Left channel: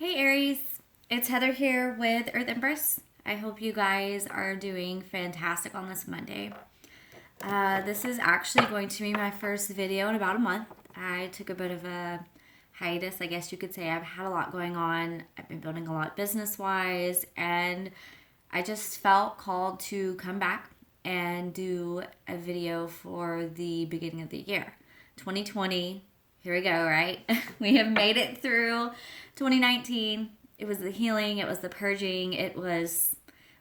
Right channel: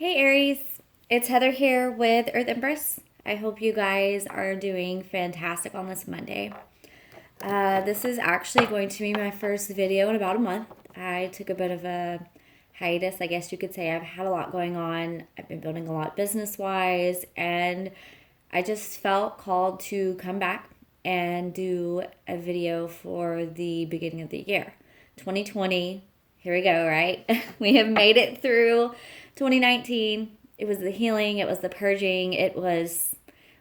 Hey Aries, it's Heather here with Earth Empress. I hope you guys are doing fantastic on this Monday. This is actually going to be my first video in about a month. I took a bit of a hiatus, I guess you could say. I've had a lot going on. I've been building a lot business-wise, and I just felt called to come back and do a video for the beginning of the year. 2020, here we go, right? We have made it through 2019. It was the healing, it was the purging, it was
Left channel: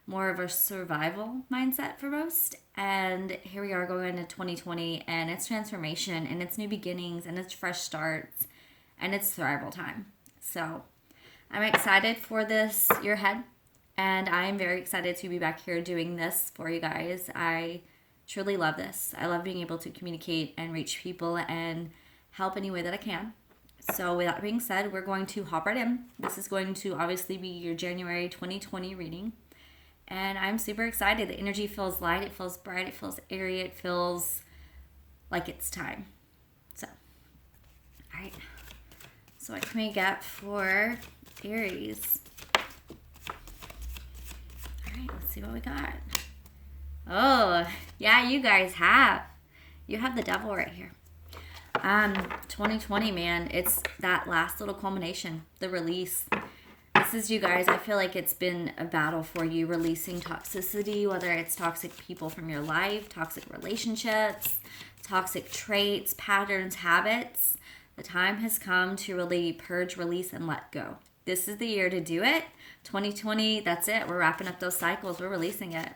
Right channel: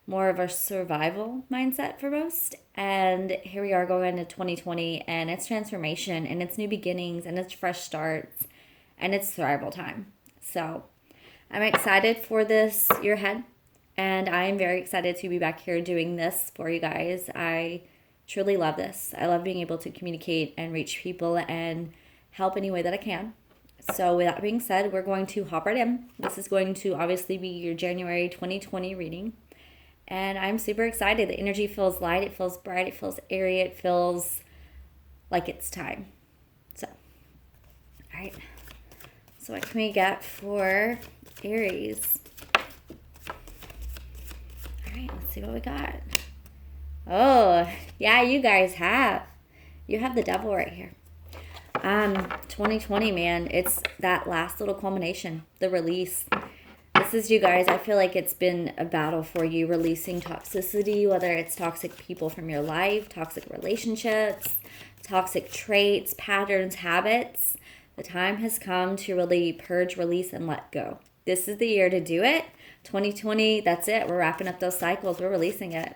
more of a survival mindset for most. And here we are going into 2020, and it's transformation, and it's new beginnings, and it's fresh starts, and it's survival time. So I'm excited for this year ahead, and I am very excited to be back here doing this for you guys. I truly love this. I love being able to communicate and reach people and help any way that I can. So with that being said, we're going to hop right in. This is going to obviously be your January 2020 reading. And I'm super excited. The energy feels light, it feels bright, it feels airy, it feels like it's time. So, all right. So what can we get for Aries? All right, let's see what we got. Oh, yeah, you guys have. You have the devil right here. 2020, man, it's that last little culmination, the release. This is you guys. I feel like it's been a battle for you, releasing toxicity, whether it's toxic people from your life, toxic relationships, toxic traits, patterns, habits. The time has come to really purge, release, and let go. This is the year to do it. 2020, that's it. We're wrapping up those cycles. We're releasing it.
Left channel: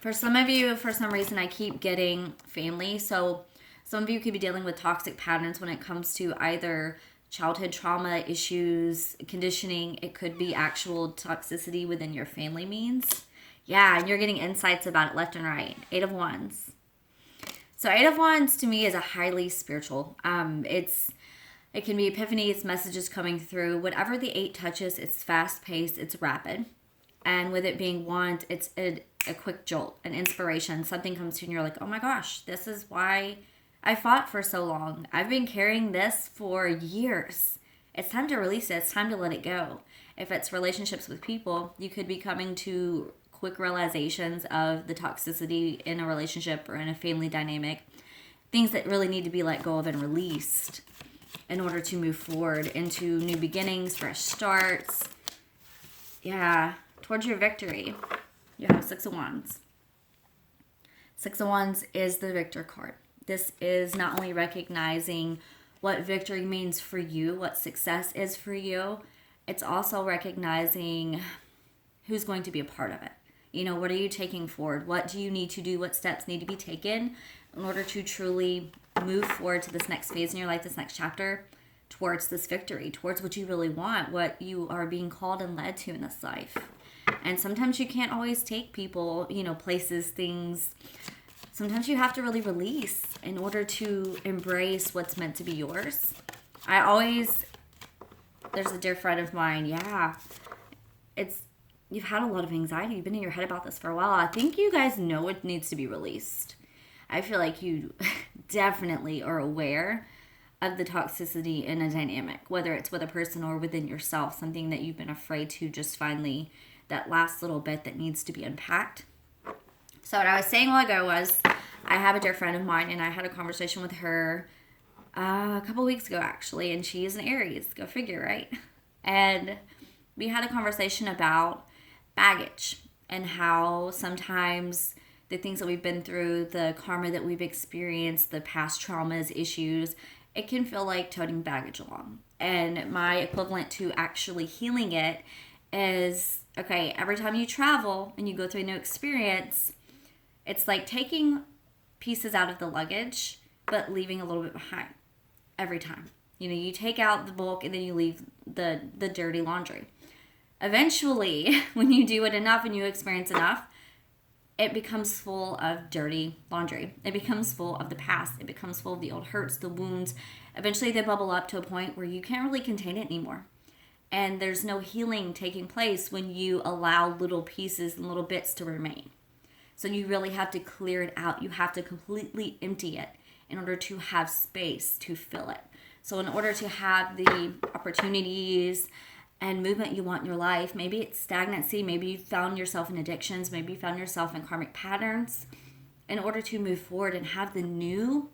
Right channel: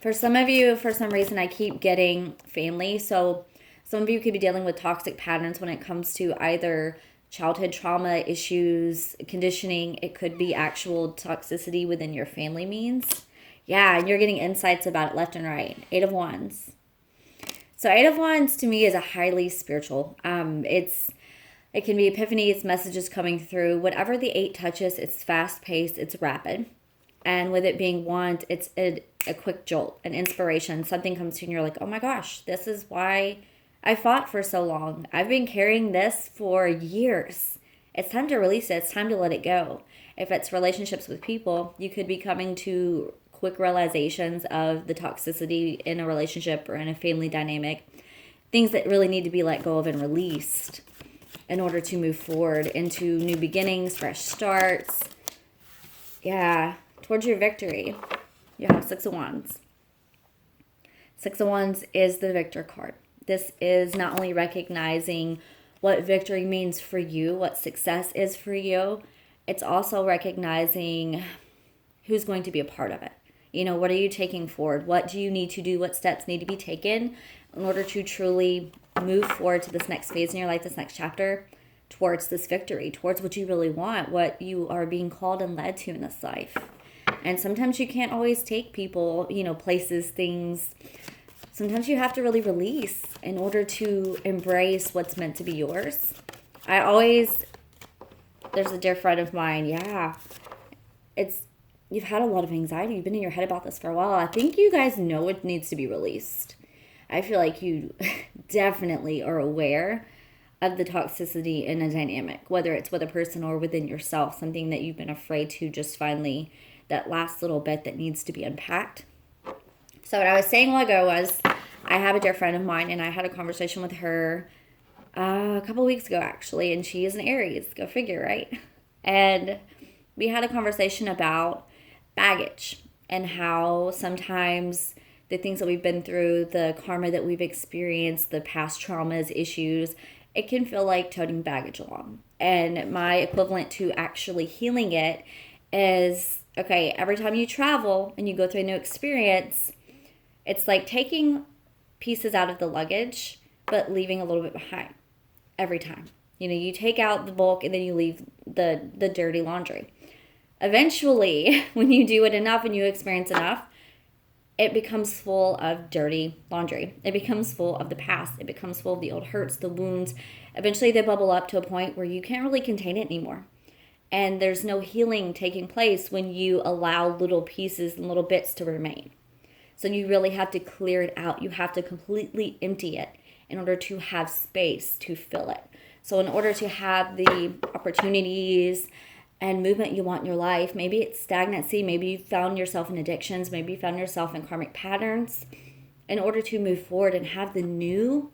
For some of you, for some reason, I keep getting family. So some of you could be dealing with toxic patterns when it comes to either childhood trauma issues, conditioning. It could be actual toxicity within your family means. Yeah, and you're getting insights about it left and right. 8 of Wands. So 8 of Wands to me is a highly spiritual. It can be epiphany, it's messages coming through. Whatever the 8 touches, it's fast paced, it's rapid. And with it being Wands, it's a quick jolt, an inspiration. Something comes to you and you're like, oh my gosh, this is why I fought for so long. I've been carrying this for years. It's time to release it. It's time to let it go. If it's relationships with people, you could be coming to quick realizations of the toxicity in a relationship or in a family dynamic. Things that really need to be let go of and released in order to move forward into new beginnings, fresh starts. Yeah, towards your victory. You have 6 of Wands. 6 of Wands is the victor card. This is not only recognizing what victory means for you, what success is for you, it's also recognizing who's going to be a part of it. You know, what are you taking forward? What do you need to do? What steps need to be taken in order to truly move forward to this next phase in your life, this next chapter, towards this victory, towards what you really want, what you are being called and led to in this life. And sometimes you can't always take people, places, things. Sometimes you have to really release in order to embrace what's meant to be yours. There's a dear friend of mine, you've had a lot of anxiety. You've been in your head about this for a while. I think you guys know it needs to be released. I feel like you definitely are aware of the toxicity in a dynamic, whether it's with a person or within yourself, something that you've been afraid to just finally, that last little bit that needs to be unpacked. So what I was saying a while ago was I have a dear friend of mine, and I had a conversation with her a couple weeks ago, actually, and she is an Aries. Go figure, right? And we had a conversation about baggage and how sometimes the things that we've been through, the karma that we've experienced, the past traumas, issues, it can feel like toting baggage along. And my equivalent to actually healing it is, okay, every time you travel and you go through a new experience, it's like taking pieces out of the luggage, but leaving a little bit behind every time. You take out the bulk and then you leave the dirty laundry. Eventually, when you do it enough and you experience enough, it becomes full of dirty laundry. It becomes full of the past. It becomes full of the old hurts, the wounds. Eventually, they bubble up to a point where you can't really contain it anymore. And there's no healing taking place when you allow little pieces and little bits to remain. So you really have to clear it out. You have to completely empty it in order to have space to fill it. So in order to have the opportunities and movement you want in your life, maybe it's stagnancy, maybe you found yourself in addictions, maybe you found yourself in karmic patterns. In order to move forward and have the new,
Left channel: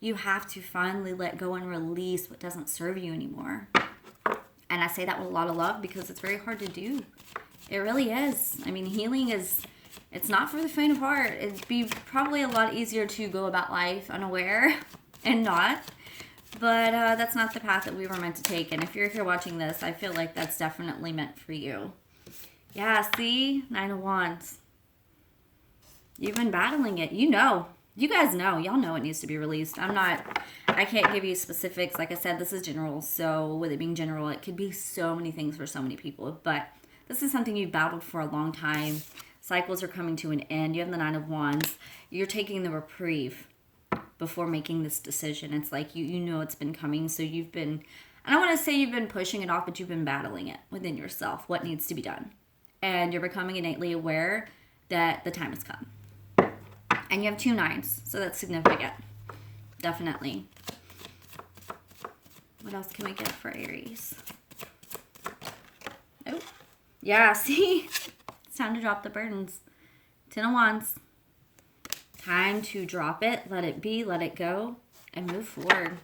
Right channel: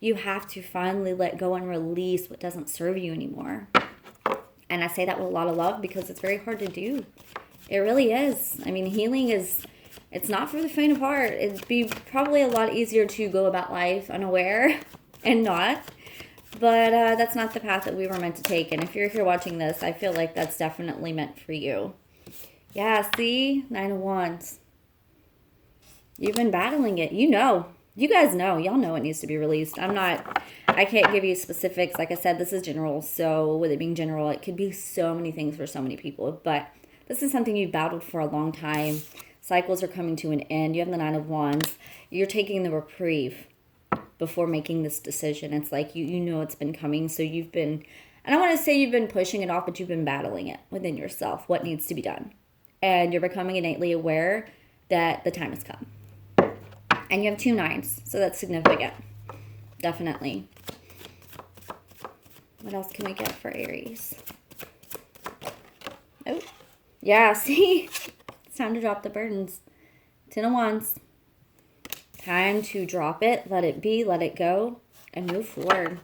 you have to finally let go and release what doesn't serve you anymore. And I say that with a lot of love because it's very hard to do. It really is. I mean, healing is, it's not for the faint of heart. It'd be probably a lot easier to go about life unaware and not. But that's not the path that we were meant to take. And if you're here watching this, I feel like that's definitely meant for you. Yeah, see? 9 of Wands. You've been battling it. You know. You guys know. Y'all know it needs to be released. I can't give you specifics. Like I said, this is general. So with it being general, it could be so many things for so many people. But this is something you've battled for a long time. Cycles are coming to an end. You have the 9 of Wands. You're taking the reprieve before making this decision. It's like you know it's been coming. So you've been, I don't want to say you've been pushing it off, but you've been battling it within yourself. What needs to be done. And you're becoming innately aware that the time has come. And you have 2 9s, so that's significant. Definitely. What else can we get for Aries? Oh, yeah, see? It's time to drop the burdens. 10 of Wands. Time to drop it, let it be, let it go, and move forward.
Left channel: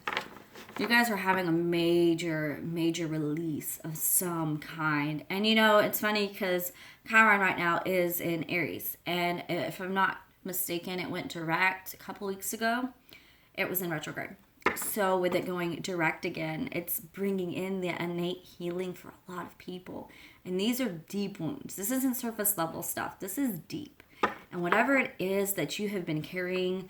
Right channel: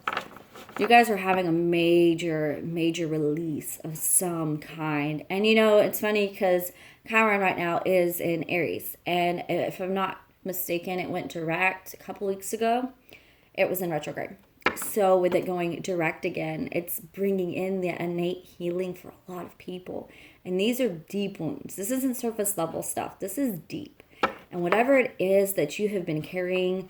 You guys are having a major, major release of some kind. And you know, it's funny because Chiron right now is in Aries. And if I'm not mistaken, it went direct a couple weeks ago. It was in retrograde. So with it going direct again, it's bringing in the innate healing for a lot of people. And these are deep wounds. This isn't surface level stuff. This is deep. And whatever it is that you have been carrying,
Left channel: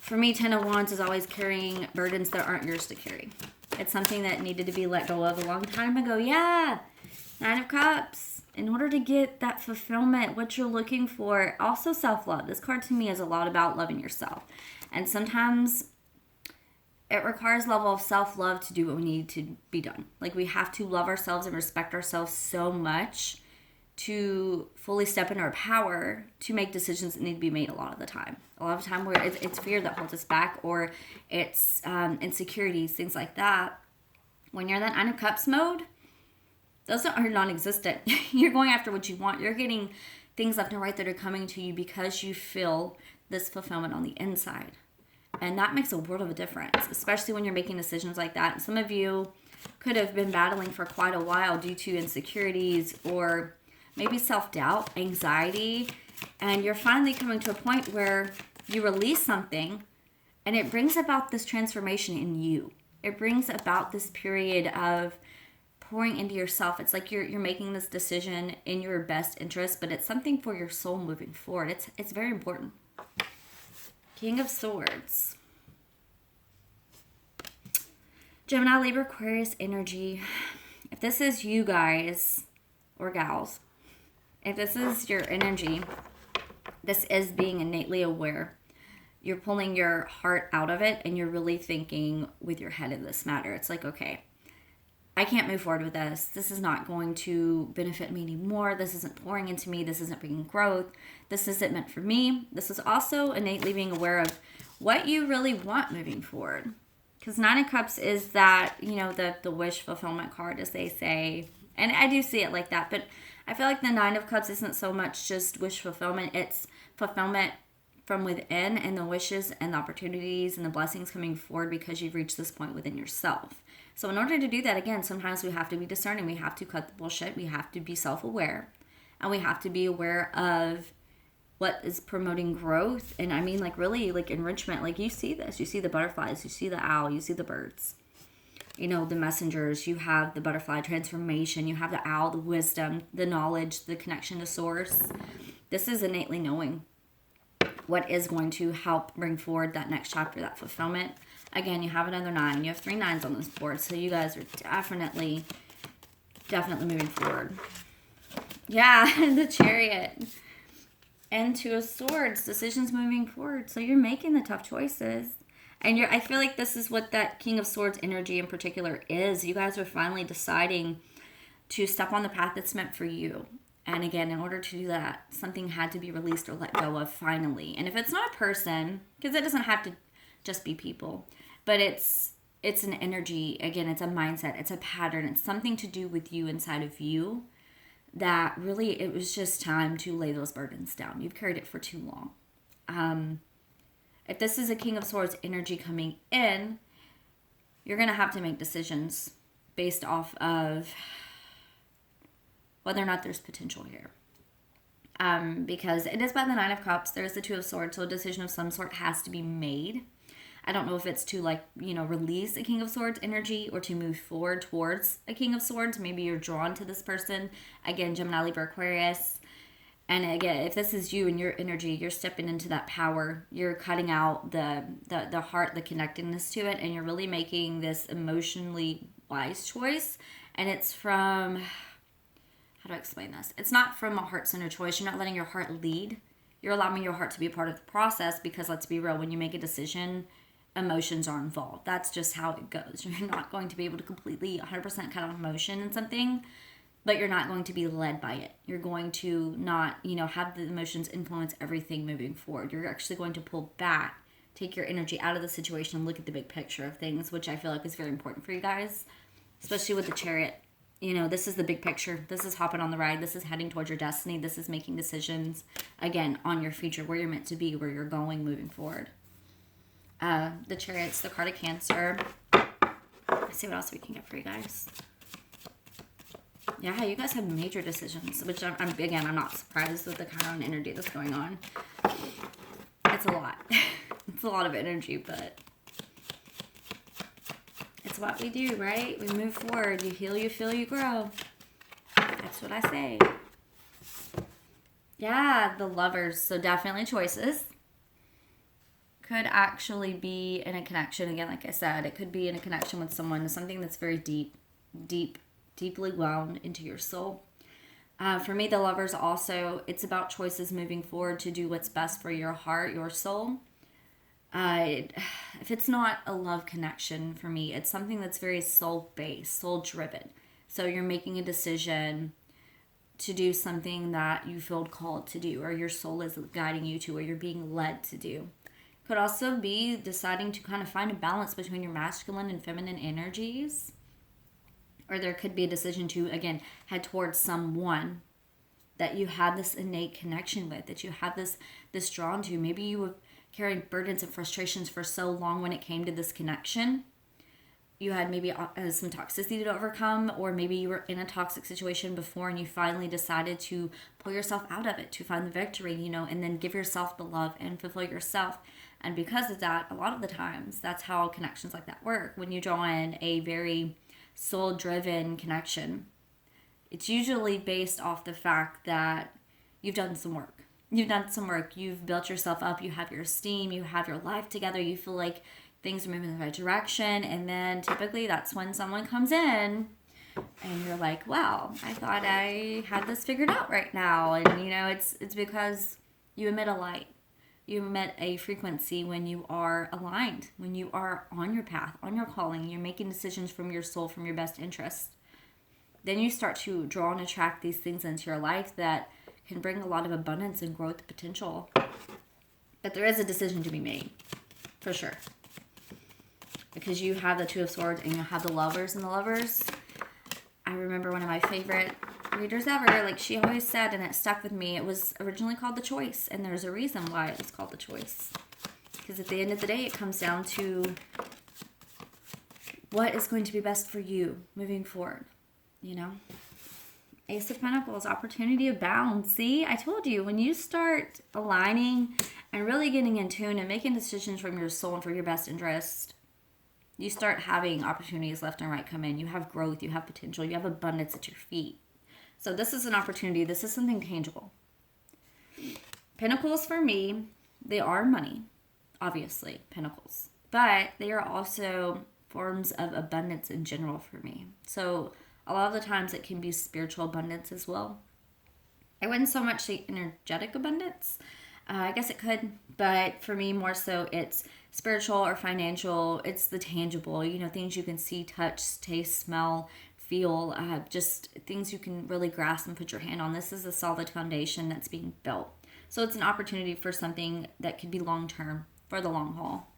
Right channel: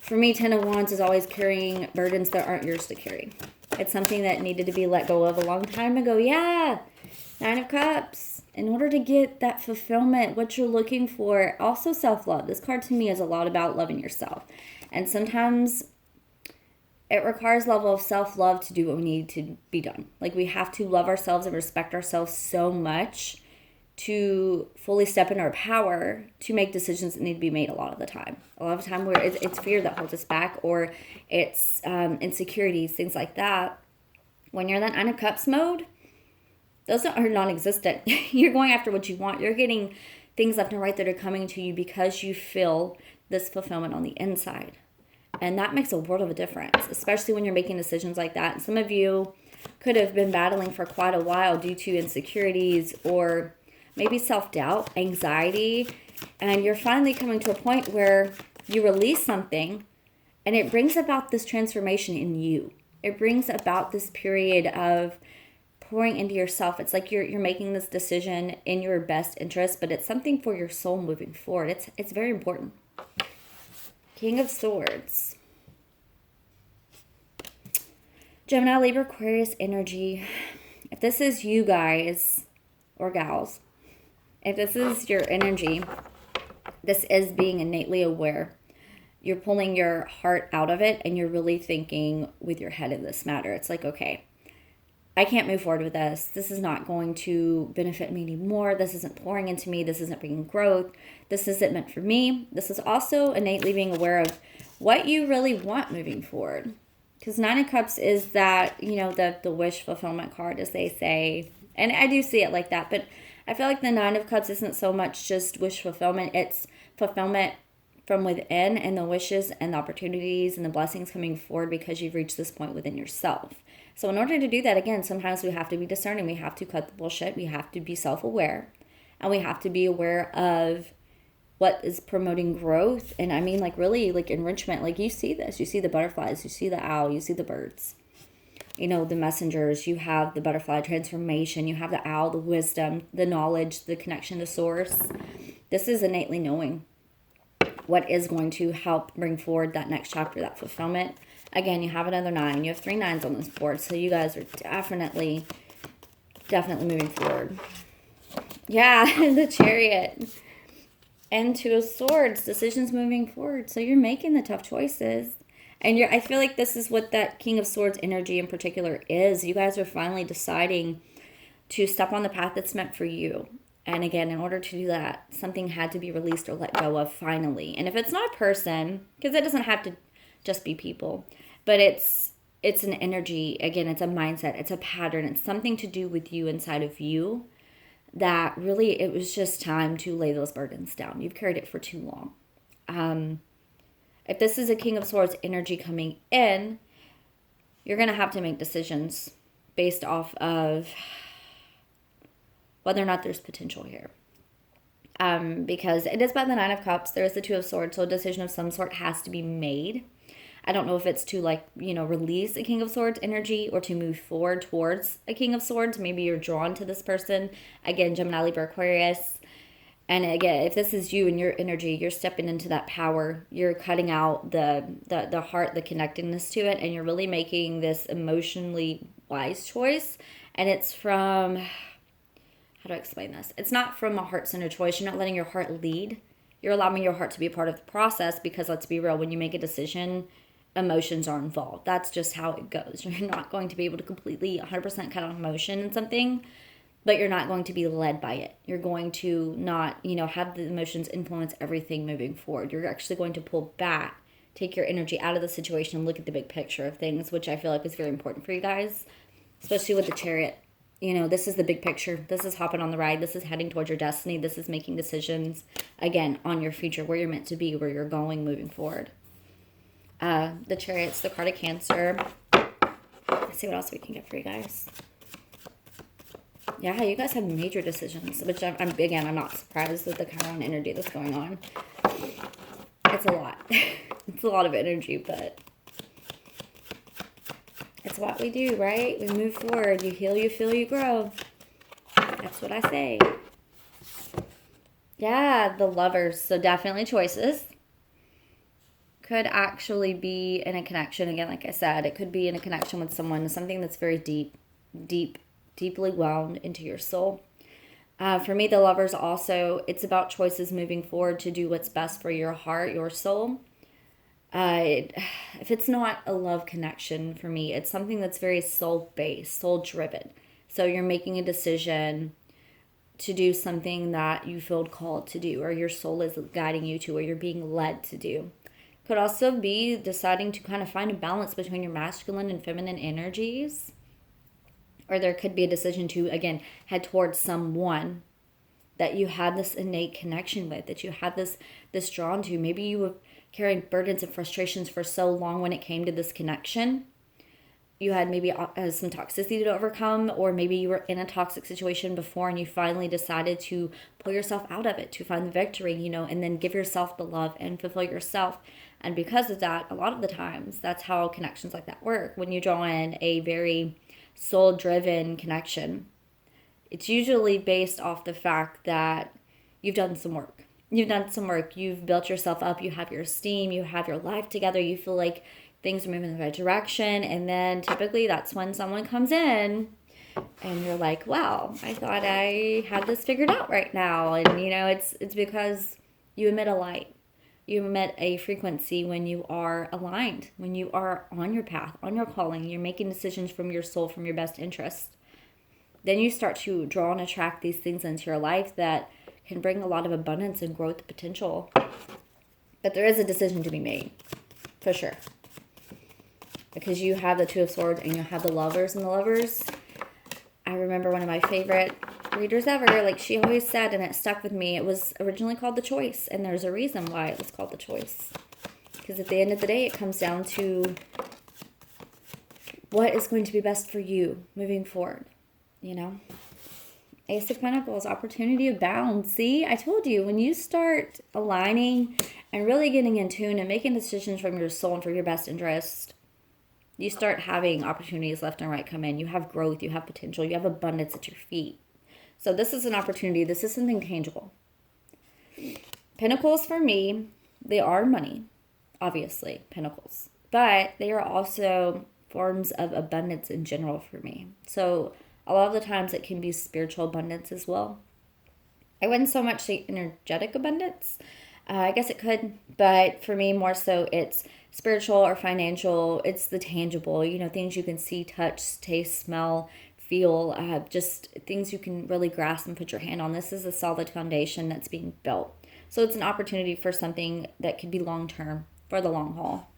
for me, 10 of Wands is always carrying burdens that aren't yours to carry. It's something that needed to be let go of a long time ago. Yeah. 9 of Cups. In order to get that fulfillment, what you're looking for, also self-love. This card to me is a lot about loving yourself. And sometimes it requires a level of self-love to do what we need to be done. Like we have to love ourselves and respect ourselves so much to fully step in our power to make decisions that need to be made a lot of the time. A lot of the time where it's fear that holds us back, or it's insecurities, things like that. When you're in that 9 of Cups mode, those are non-existent. You're going after what you want. You're getting things left and right that are coming to you because you feel this fulfillment on the inside. And that makes a world of a difference, especially when you're making decisions like that. And some of you could have been battling for quite a while due to insecurities or maybe self-doubt, anxiety. And you're finally coming to a point where you release something and it brings about this transformation in you. It brings about this period of pouring into yourself. It's like you're making this decision in your best interest, but it's something for your soul moving forward. It's very important. King of Swords. Gemini, Libra, Aquarius energy. If this is you guys or gals, if this is your energy, this is being innately aware. You're pulling your heart out of it and you're really thinking with your head in this matter. It's like, okay, I can't move forward with this. This is not going to benefit me anymore. This isn't pouring into me. This isn't bringing growth. This isn't meant for me. This is also innately being aware of what you really want moving forward. Because 9 of Cups is that, you know, the wish fulfillment card, as they say. And I do see it like that. But I feel like the 9 of Cups isn't so much just wish fulfillment. It's fulfillment from within and the wishes and the opportunities and the blessings coming forward because you've reached this point within yourself. So in order to do that, again, sometimes we have to be discerning. We have to cut the bullshit. We have to be self-aware. And we have to be aware of what is promoting growth. And I mean, like, really, like, enrichment. Like, you see this. You see the butterflies. You see the owl. You see the birds. You know, the messengers. You have the butterfly transformation. You have the owl, the wisdom, the knowledge, the connection to source. This is innately knowing what is going to help bring forward that next chapter, that fulfillment. Again, you have another 9. You have 3 9s on this board. So you guys are definitely moving forward. Yeah, the Chariot. And 2 of Swords. Decisions moving forward. So you're making the tough choices. And I feel like this is what that King of Swords energy in particular is. You guys are finally deciding to step on the path that's meant for you. And again, in order to do that, something had to be released or let go of finally. And if it's not a person, because it doesn't have to just be people, but it's it's an energy. Again, it's a mindset. It's a pattern. It's something to do with you inside of you that really it was just time to lay those burdens down. You've carried it for too long. If this is a King of Swords energy coming in, you're going to have to make decisions based off of whether or not there's potential here. Because it is by the Nine of Cups. There's the Two of Swords. So a decision of some sort has to be made. I don't know if it's to release a King of Swords energy or to move forward towards a King of Swords. Maybe you're drawn to this person. Again, Gemini, Libra, Aquarius. And again, if this is you and your energy, you're stepping into that power. You're cutting out the heart, the connectedness to it. And you're really making this emotionally wise choice. And it's from, how do I explain this? It's not from a heart-centered choice. You're not letting your heart lead. You're allowing your heart to be a part of the process because let's be real, when you make a decision, emotions are involved. That's just how it goes. You're not going to be able to completely 100% cut off emotion in something, but you're not going to be led by it. You're going to not, have the emotions influence everything moving forward. You're actually going to pull back, take your energy out of the situation and look at the big picture of things, which I feel like is very important for you guys, especially with the Chariot. This is the big picture. This is hopping on the ride. This is heading towards your destiny. This is making decisions, again, on your future, where you're meant to be, where you're going moving forward. The Chariot's the card of Cancer. Let's see what else we can get for you guys. Yeah, you guys have major decisions, which I'm not surprised with the Chiron energy that's going on. It's a lot. It's a lot of energy, but it's what we do, right? We move forward. You heal, you feel, you grow. That's what I say. Yeah, the Lovers. So definitely choices. Could actually be in a connection. Again, like I said, it could be in a connection with someone, something that's very deeply wound into your soul. For me, the Lovers also, it's about choices moving forward to do what's best for your heart, your soul. If it's not a love connection for me, it's something that's very soul-based, soul-driven. So you're making a decision to do something that you feel called to do, or your soul is guiding you to, or you're being led to do. Could also be deciding to kind of find a balance between your masculine and feminine energies. Or there could be a decision to, again, head towards someone that you had this innate connection with, that you had this drawn to. Maybe you were carrying burdens and frustrations for so long when it came to this connection. You had maybe some toxicity to overcome, or maybe you were in a toxic situation before and you finally decided to pull yourself out of it, to find the victory, and then give yourself the love and fulfill yourself. And because of that, a lot of the times, that's how connections like that work. When you draw in a very soul-driven connection, it's usually based off the fact that you've done some work. You've built yourself up. You have your esteem. You have your life together. You feel like things are moving in the right direction. And then typically that's when someone comes in and you're like, wow, I thought I had this figured out right now. And, it's because you emit a light. You emit a frequency when you are aligned, when you are on your path, on your calling. You're making decisions from your soul, from your best interest. Then you start to draw and attract these things into your life that can bring a lot of abundance and growth potential. But there is a decision to be made, for sure. Because you have the Two of Swords and you have the Lovers. And the Lovers, I remember one of my favorite readers ever, she always said, and it stuck with me, it was originally called The Choice. And there's a reason why it was called The Choice. Because at the end of the day, it comes down to what is going to be best for you moving forward, Ace of Pentacles, opportunity abounds. See, I told you, when you start aligning and really getting in tune and making decisions from your soul and for your best interest, you start having opportunities left and right come in. You have growth, you have potential, you have abundance at your feet. So this is an opportunity. This is something tangible. Pentacles for me, they are money, obviously, pentacles. But they are also forms of abundance in general for me. So a lot of the times it can be spiritual abundance as well. I wouldn't so much say energetic abundance. I guess it could. But for me, more so, it's spiritual or financial. It's the tangible, things you can see, touch, taste, smell, feel, just things you can really grasp and put your hand on. This is a solid foundation that's being built. So it's an opportunity for something that could be long-term, for the long haul.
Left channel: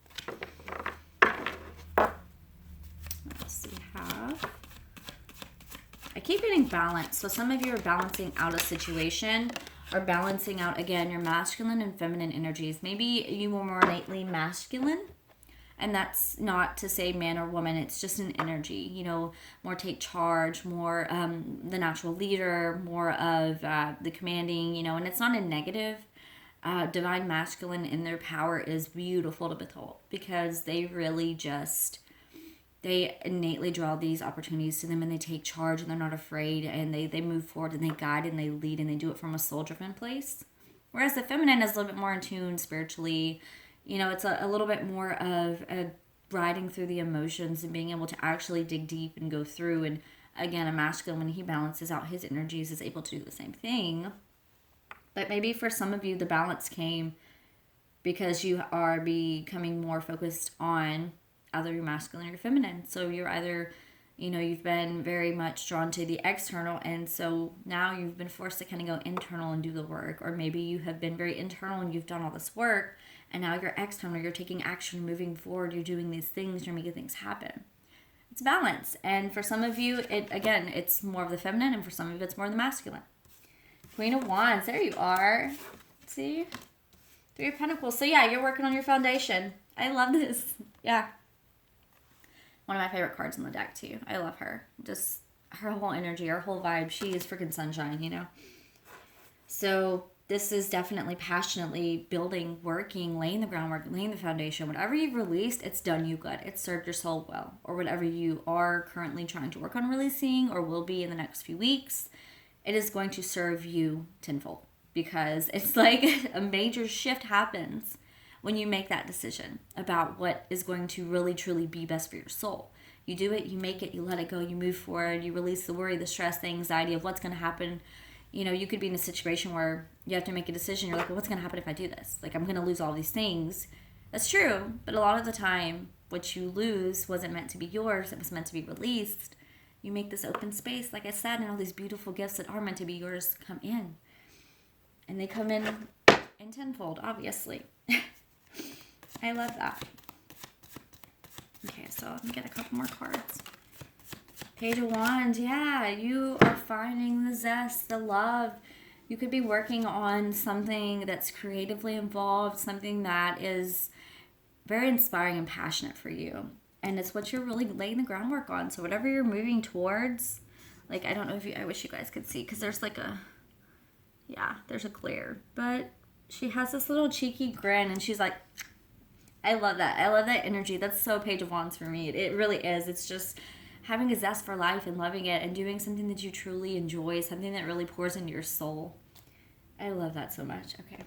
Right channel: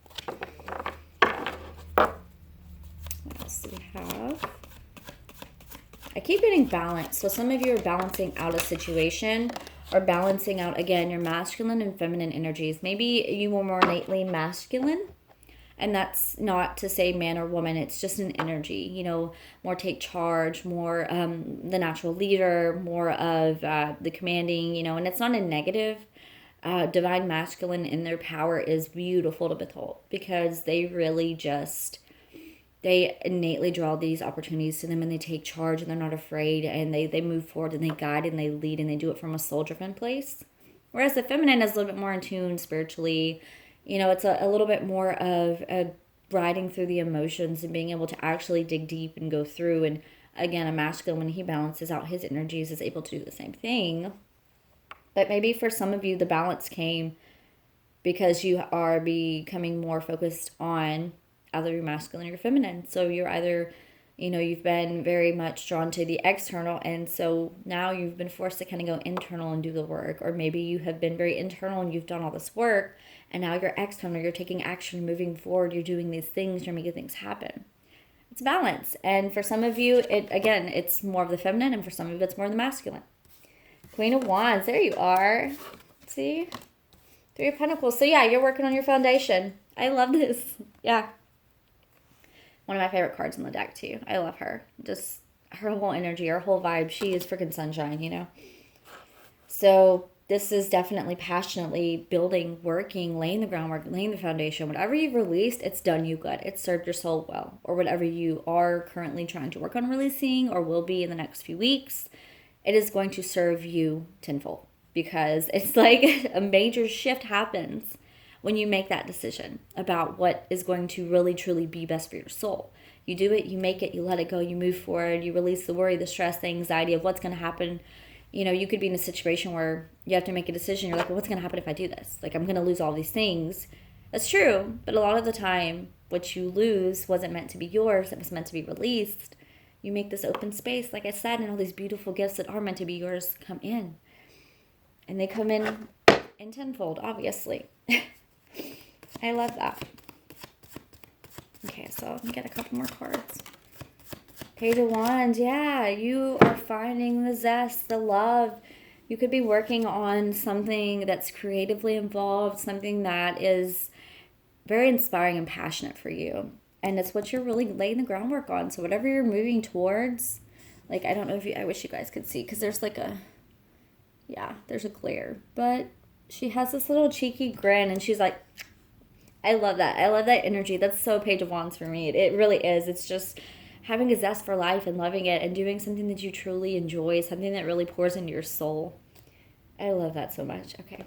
have, I keep getting balance. So some of you are balancing out a situation or balancing out, again, your masculine and feminine energies. Maybe you were more innately masculine, and that's not to say man or woman. It's just an energy, you know, more take charge, more the natural leader, more of the commanding, you know, and it's not a negative. Divine masculine in their power is beautiful to behold because they really just, they innately draw these opportunities to them and they take charge and they're not afraid and they move forward and they guide and they lead and they do it from a soul-driven place. Whereas the feminine is a little bit more in tune spiritually. You know, it's a little bit more of a riding through the emotions and being able to actually dig deep and go through. And again, a masculine, when he balances out his energies, is able to do the same thing. But maybe for some of you, the balance came because you are becoming more focused on either your masculine or your feminine. So you're either, you know, you've been very much drawn to the external. And so now you've been forced to kind of go internal and do the work. Or maybe you have been very internal and you've done all this work. And now you're external, you're taking action, moving forward, you're doing these things, you're making things happen. It's balance. And for some of you, it's more of the feminine, and for some of you, it's more of the masculine. Queen of Wands, there you are. See? Three of Pentacles. So yeah, you're working on your foundation. I love this. Yeah. One of my favorite cards in the deck too. I love her. Just her whole energy, her whole vibe. She is freaking sunshine, you know? So this is definitely passionately building, working, laying the groundwork, laying the foundation. Whatever you've released, it's done you good. It's served your soul well. Or whatever you are currently trying to work on releasing or will be in the next few weeks, it is going to serve you tenfold because it's like a major shift happens when you make that decision about what is going to really, truly be best for your soul. You do it, you make it, you let it go, you move forward, you release the worry, the stress, the anxiety of what's going to happen. You know, you could be in a situation where you have to make a decision. You're like, well, what's going to happen if I do this? Like, I'm going to lose all these things. That's true. But a lot of the time, what you lose wasn't meant to be yours. It was meant to be released. You make this open space, like I said, and all these beautiful gifts that are meant to be yours come in. And they come in tenfold, obviously. I love that. Okay, so let me get a couple more cards. Page of Wands, yeah, you are finding the zest, the love. You could be working on something that's creatively involved, something that is very inspiring and passionate for you. And it's what you're really laying the groundwork on. So whatever you're moving towards, like, I don't know if you, I wish you guys could see, because there's like a, yeah, there's a glare. But she has this little cheeky grin, and she's like, I love that. I love that energy. That's so Page of Wands for me. It really is. It's just having a zest for life and loving it and doing something that you truly enjoy, something that really pours into your soul. I love that so much. Okay,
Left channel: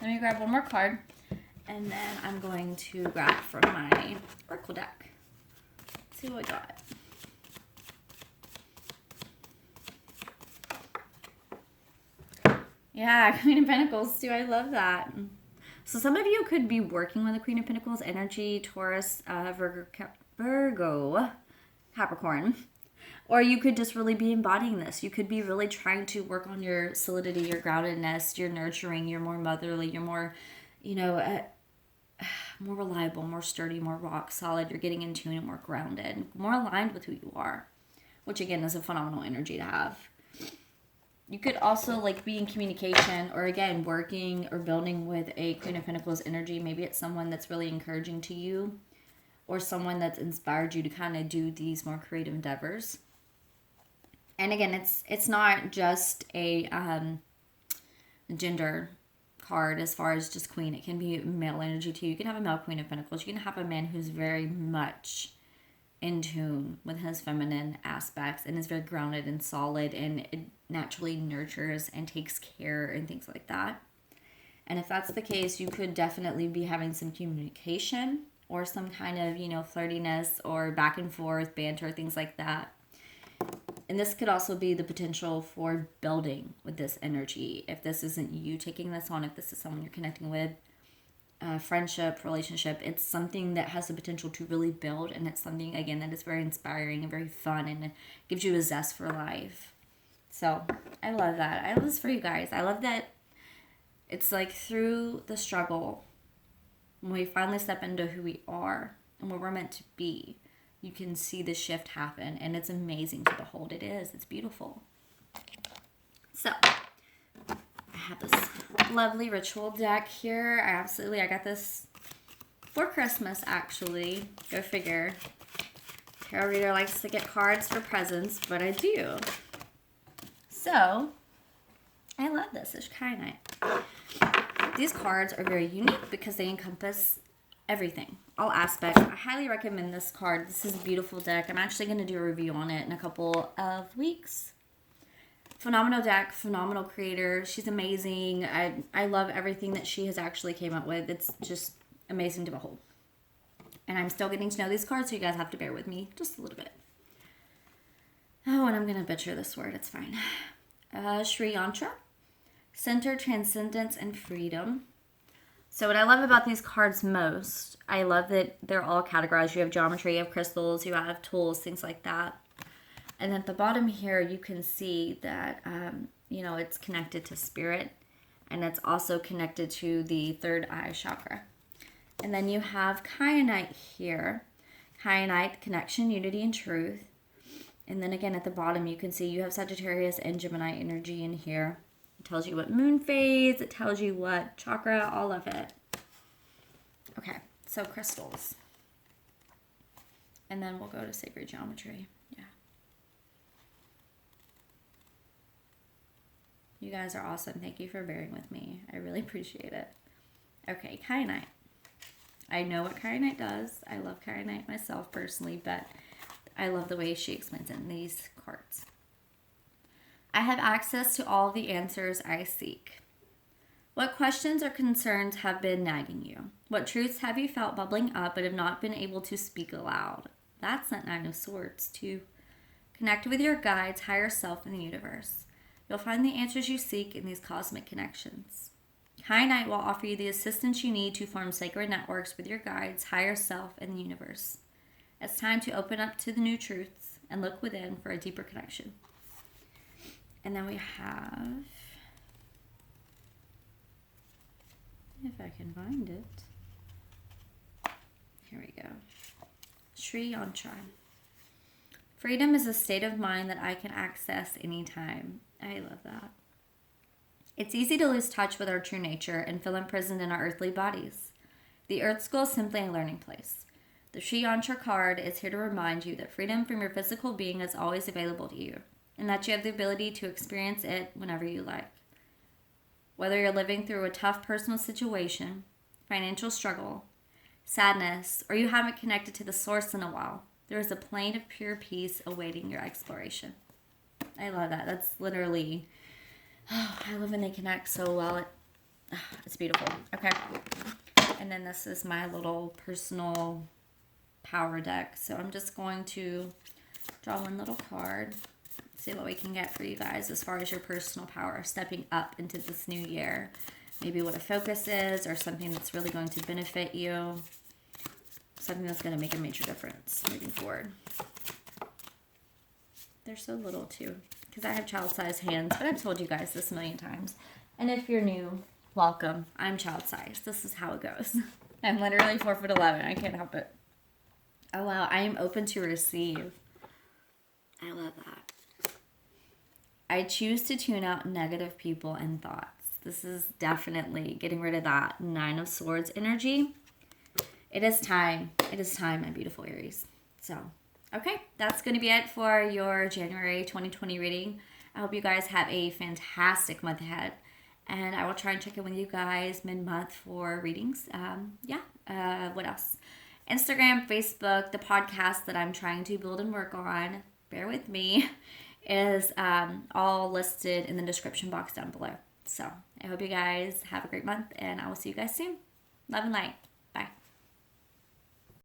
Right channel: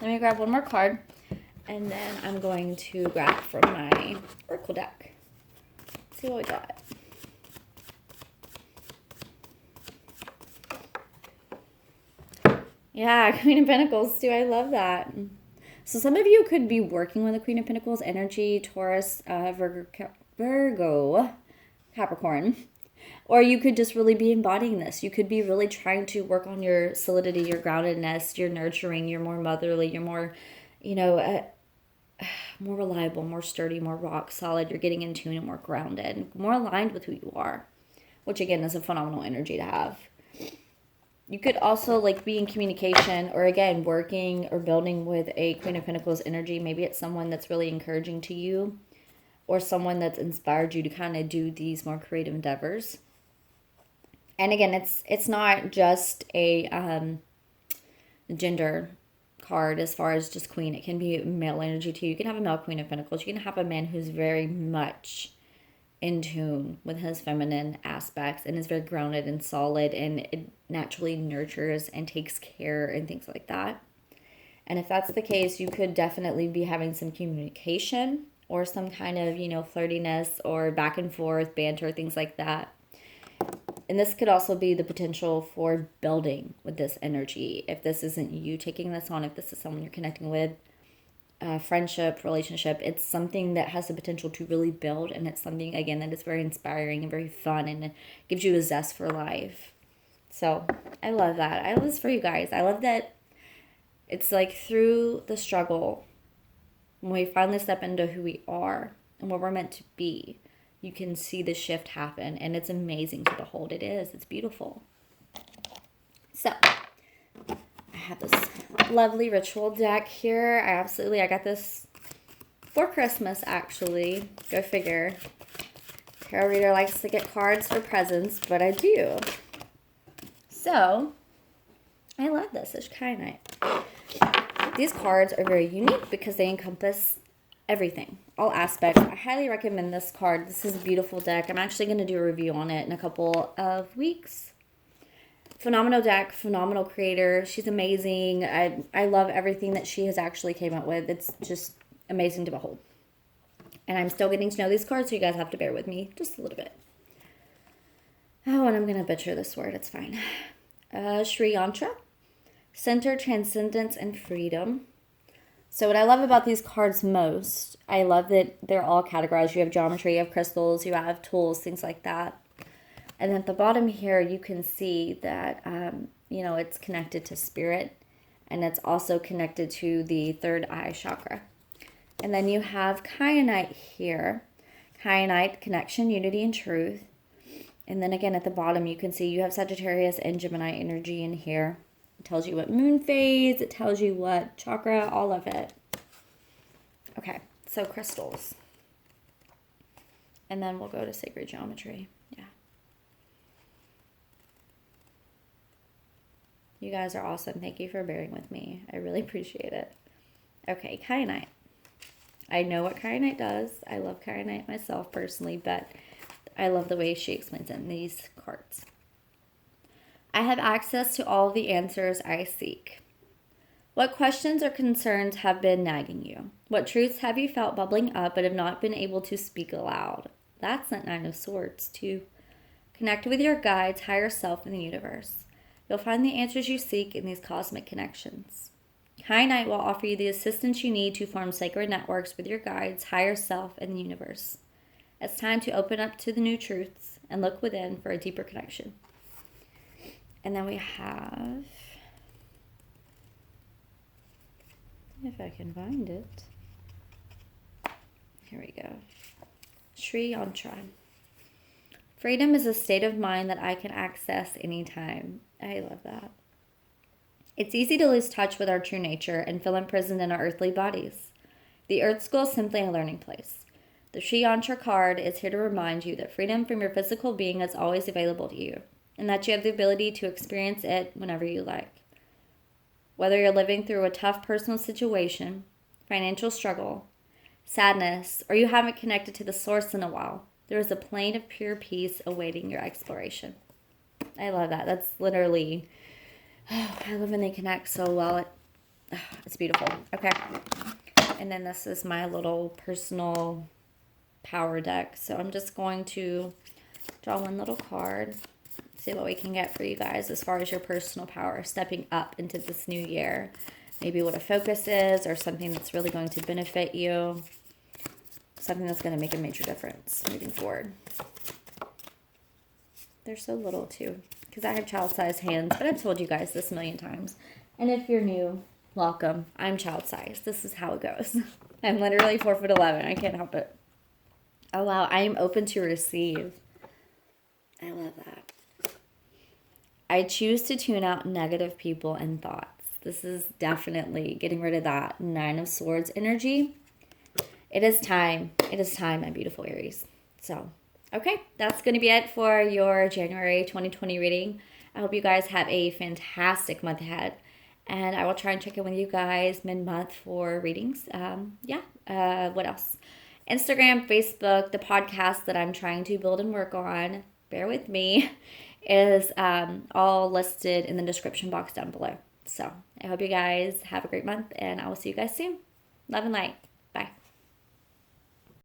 let me grab one more card, and then I'm going to grab from my Oracle deck. Let's see what we got. Yeah, Queen of Pentacles too. I love that. So some of you could be working with the Queen of Pentacles energy, Taurus, Virgo, Capricorn. Or you could just really be embodying this. You could be really trying to work on your solidity, your groundedness, your nurturing, your more motherly, your more, you know, more reliable, more sturdy, more rock solid. You're getting in tune and more grounded, more aligned with who you are, which again is a phenomenal energy to have. You could also like be in communication or again working or building with a Queen of Pentacles energy. Maybe it's someone that's really encouraging to you or someone that's inspired you to kind of do these more creative endeavors. And again, it's not just a gender card as far as just queen. It can be male energy too. You can have a male Queen of Pentacles. You can have a man who's very much in tune with his feminine aspects and is very grounded and solid, and it naturally nurtures and takes care and things like that. And if that's the case, you could definitely be having some communication or some kind of, you know, flirtiness or back and forth, banter, things like that. And this could also be the potential for building with this energy. If this isn't you taking this on, if this is someone you're connecting with, friendship, relationship, it's something that has the potential to really build. And it's something, again, that is very inspiring and very fun, and it gives you a zest for life. So I love that. I love this for you guys. I love that it's like through the struggle, when we finally step into who we are and what we're meant to be, you can see the shift happen, and it's amazing to behold. It is. It's beautiful. So I have this lovely ritual deck here. I got this for Christmas, actually. Go figure. Tarot reader likes to get cards for presents, but I do. So I love this. It's kyanite. These cards are very unique because they encompass everything, all aspects. I highly recommend this card. This is a beautiful deck. I'm actually going to do a review on it in a couple of weeks. Phenomenal deck, phenomenal creator. She's amazing. I love everything that she has actually came up with. It's just amazing to behold. And I'm still getting to know these cards, so you guys have to bear with me just a little bit. Oh, and I'm going to butcher this word. It's fine. Sri Yantra. Center, transcendence, and freedom. So what I love about these cards most, I love that they're all categorized. You have geometry, you have crystals, you have tools, things like that. And at the bottom here, you can see that, it's connected to spirit. And it's also connected to the third eye chakra. And then you have kyanite here. Kyanite, connection, unity, and truth. And then again, at the bottom, you can see you have Sagittarius and Gemini energy in here. It tells you what moon phase. It tells you what chakra, all of it. Okay, so crystals. And then we'll go to sacred geometry. Yeah. You guys are awesome. Thank you for bearing with me. I really appreciate it. Okay, kyanite. I know what kyanite does. I love kyanite myself personally, but I love the way she explains it in these cards. I have access to all of the answers I seek. What questions or concerns have been nagging you? What truths have you felt bubbling up but have not been able to speak aloud? That's that Nine of Swords, too. Connect with your guides, higher self, in the universe. You'll find the answers you seek in these cosmic connections. Kyanite will offer you the assistance you need to form sacred networks with your guides, higher self, and the universe. It's time to open up to the new truths and look within for a deeper connection. And then we have, if I can find it, here we go, Sri Yantra. Freedom is a state of mind that I can access anytime. I love that. It's easy to lose touch with our true nature and feel imprisoned in our earthly bodies. The Earth School is simply a learning place. The Sri Yantra card is here to remind you that freedom from your physical being is always available to you, and that you have the ability to experience it whenever you like. Whether you're living through a tough personal situation, financial struggle, sadness, or you haven't connected to the source in a while, there is a plane of pure peace awaiting your exploration. I love that. That's literally, I love when they connect so well. It's beautiful. Okay. And then this is my little personal power deck. So I'm just going to draw one little card. See what we can get for you guys as far as your personal power, stepping up into this new year. Maybe what a focus is, or something that's really going to benefit you. Something that's going to make a major difference moving forward. They're so little too, because I have child-sized hands, but I've told you guys this a million times. And if you're new, welcome. I'm child-sized. This is how it goes. I'm literally 4'11". I can't help it. Oh wow, I am open to receive. I love that. I choose to tune out negative people and thoughts. This is definitely getting rid of that Nine of Swords energy. It is time. It is time, my beautiful Aries. So, okay, that's going to be it for your January 2020 reading. I hope you guys have a fantastic month ahead. And I will try and check in with you guys mid-month for readings. What else? Instagram, Facebook, the podcast that I'm trying to build and work on. Bear with me. Is all listed in the description box down below. So I hope you guys have a great month, and I will see you guys soon. Love and light.